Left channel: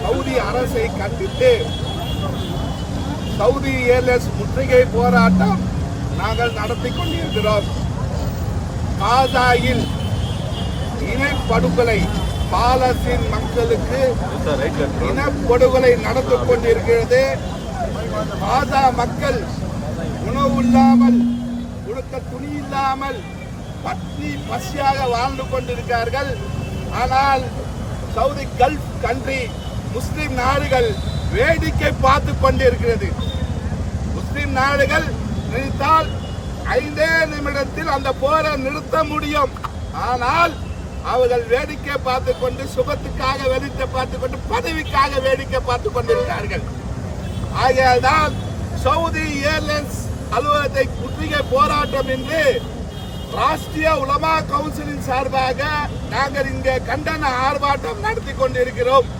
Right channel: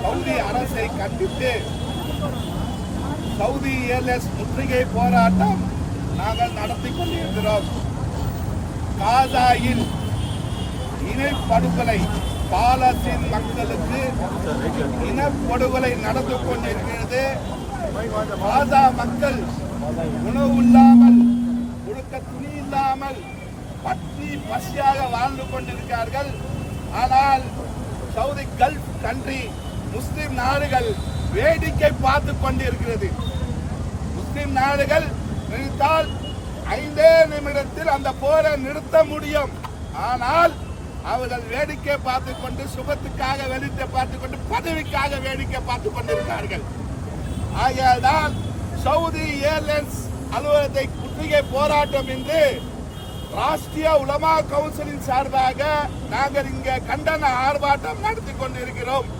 Saudi அரசை கண்டித்து Saudi airlines முற்றுகை போராட்டம் நாங்கள் நடத்தி கொண்டிருக்கிறோம். காசாவில் இனப்படுகொலை, பாலஸ்தீன் மக்களுக்கு இனப்படுகொலை நடந்து கொண்டிருக்கிறது. காசா மக்கள் உணவு இல்லாமல், உடுக்க துணி இல்லாமல் பட்னி பசியாக வாழ்ந்து கொண்டிருக்கிறார்கள். ஆனால் சவுதி கல்ஃப் கண்ட்ரி முஸ்லிம் நாடுகள் வேடிக்கை பார்த்து கொண்டிருக்கிறது. முஸ்லிம் நாடுகள் நினைத்தால் 5 நிமிடத்தில் அந்த போரை நிறுத்த முடியும். ஆனால் அவர்கள் வேடிக்கை பார்த்து கொண்டு, சுகத்துக்காக வேடிக்கை பார்த்து கொண்டு, பதவிக்காக வேடிக்கை பார்த்து கொண்டிருக்கிறார்கள். ஆகையால்தான் சவுதி ஏர்லைன்ஸ் அலுவலகத்தை முற்றுகை போராட்டம் என்று ராஷ்டிரிய உலமா கவுன்சிலின் சார்பாக நாங்கள் இங்கே கண்டன ஆர்ப்பாட்டம் நடத்தி கொண்டிருக்கிறோம்.